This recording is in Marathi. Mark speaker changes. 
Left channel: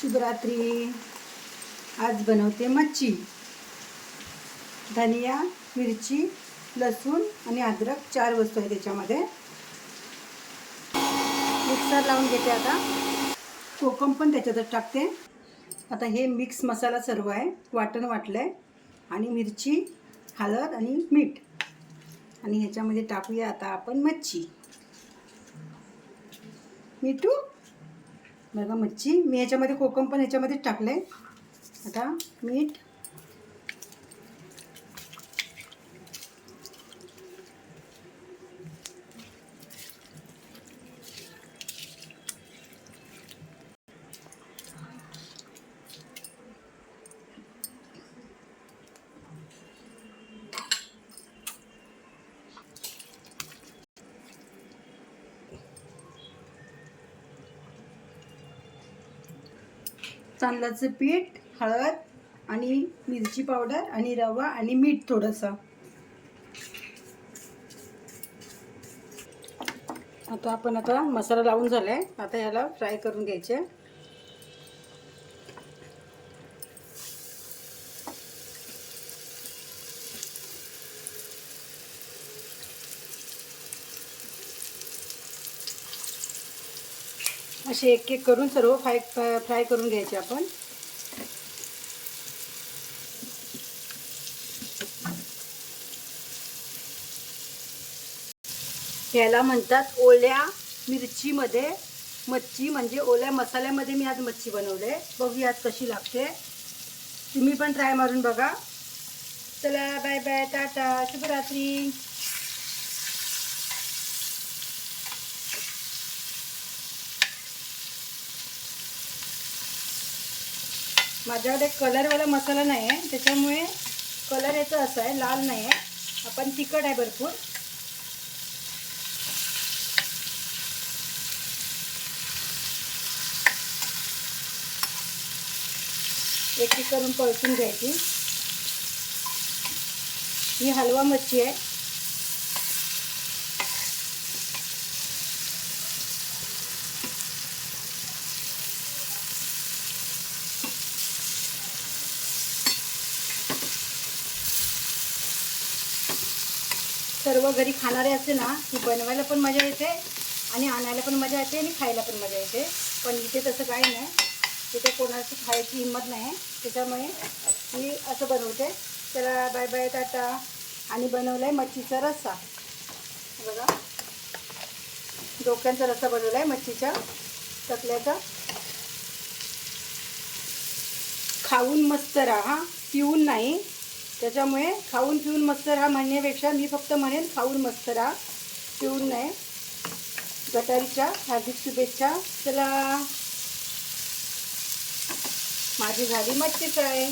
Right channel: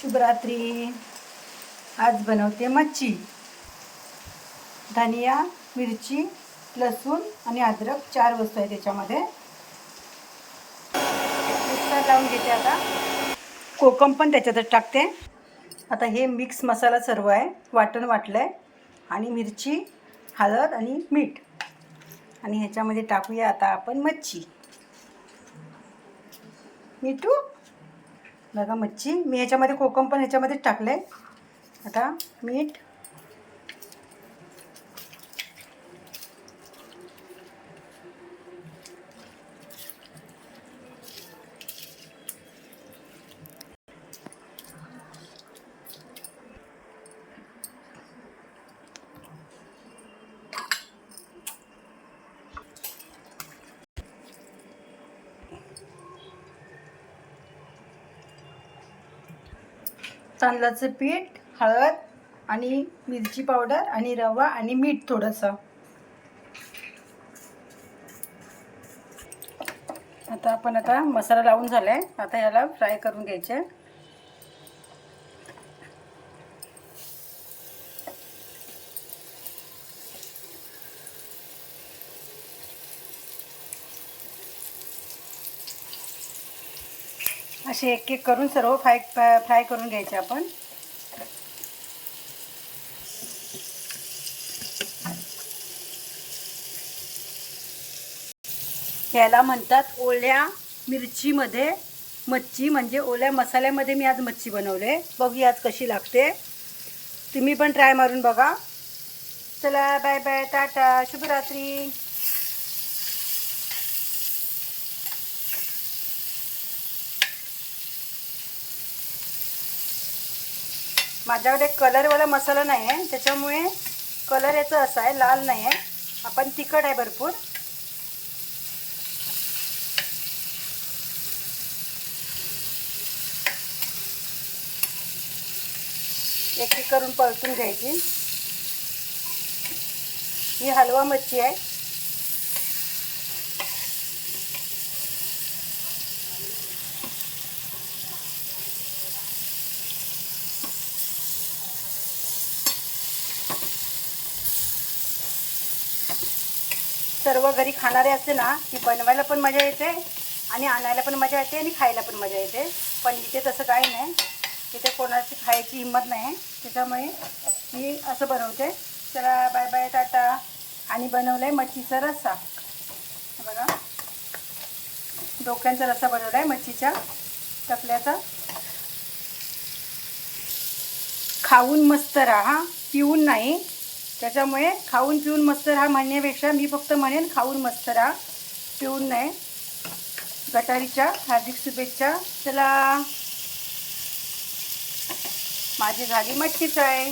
Speaker 1: शुभरात्री. आज बनवते मच्छी. धनिया मिरची लसूण आणि अद्रक चार वस्तू आहे त्याच्यामध्ये. मिक्सर लावून घेते आता. कोकम पण त्याच्यातच टाकते. आता हे मिक्स मसाला सर्व आहे. वाटण वाटलं आहे आणि मिरची हळद आणि मीठ. आणि ह्याच्यामध्ये टाकूया आता आपण मच्छी. मिठू? बघा मच्छी. मी याच्यामध्ये कोकम पण ह्याच्यामध्येच टाकलं आहे आता मीठ तांदळाचं पीठ हळद आणि मिरची पावडर आणि रवा आणि मीठ थोडंसं. आता आपण आता मसाला लावून झाला आहे आता याला फ्राय करून घ्यायचे. असे एक एक करून सर्व फ्राय फ्राय करून घ्यायचे आपण. ह्याला म्हणतात ओल्या मिरचीमध्ये. मच्छी म्हणजे ओल्या मसाल्यामध्ये मी आज मच्छी बनवले. बघूया आज कशी लागते. तुम्ही पण ट्राय मारून बघा. चला बाय बाय टाटा शुभरात्री. माझ्याकडे कलरवाला मसाला नाही आहे त्याच्यामुळे कलर याचा असा आहे लाल नाही आहे आपण तिखट आहे भरपूर. एक एक करून पळतून घ्यायची. ही हलवा मच्छी आहे. सर्व घरी खाणारे असते ना की बनवायला पण मजा येते आणि आणायला पण मजा येते आणि खायला पण मजा येते. पण इथे तसं काही नाही. इथे कोणाची खायची हिंमत नाही. त्याच्यामुळे मी असं बनवते. चला बाय बाय टाटा. आणि बनवलं आहे मच्छीचा रस्सा. हे बघा. डोक्यांचा रस्सा बनवला आहे मच्छीच्या चकल्याचा. खाऊन मस्त राहा. पिऊन नाही. त्याच्यामुळे खाऊन पिऊन मस्त राहा. म्हणण्यापेक्षा मी फक्त म्हणेन खाऊन मस्त राहा. पिऊन नाही. गटारीच्या हार्दिक शुभेच्छा. चला. माझी झाली मच्छी फ्राय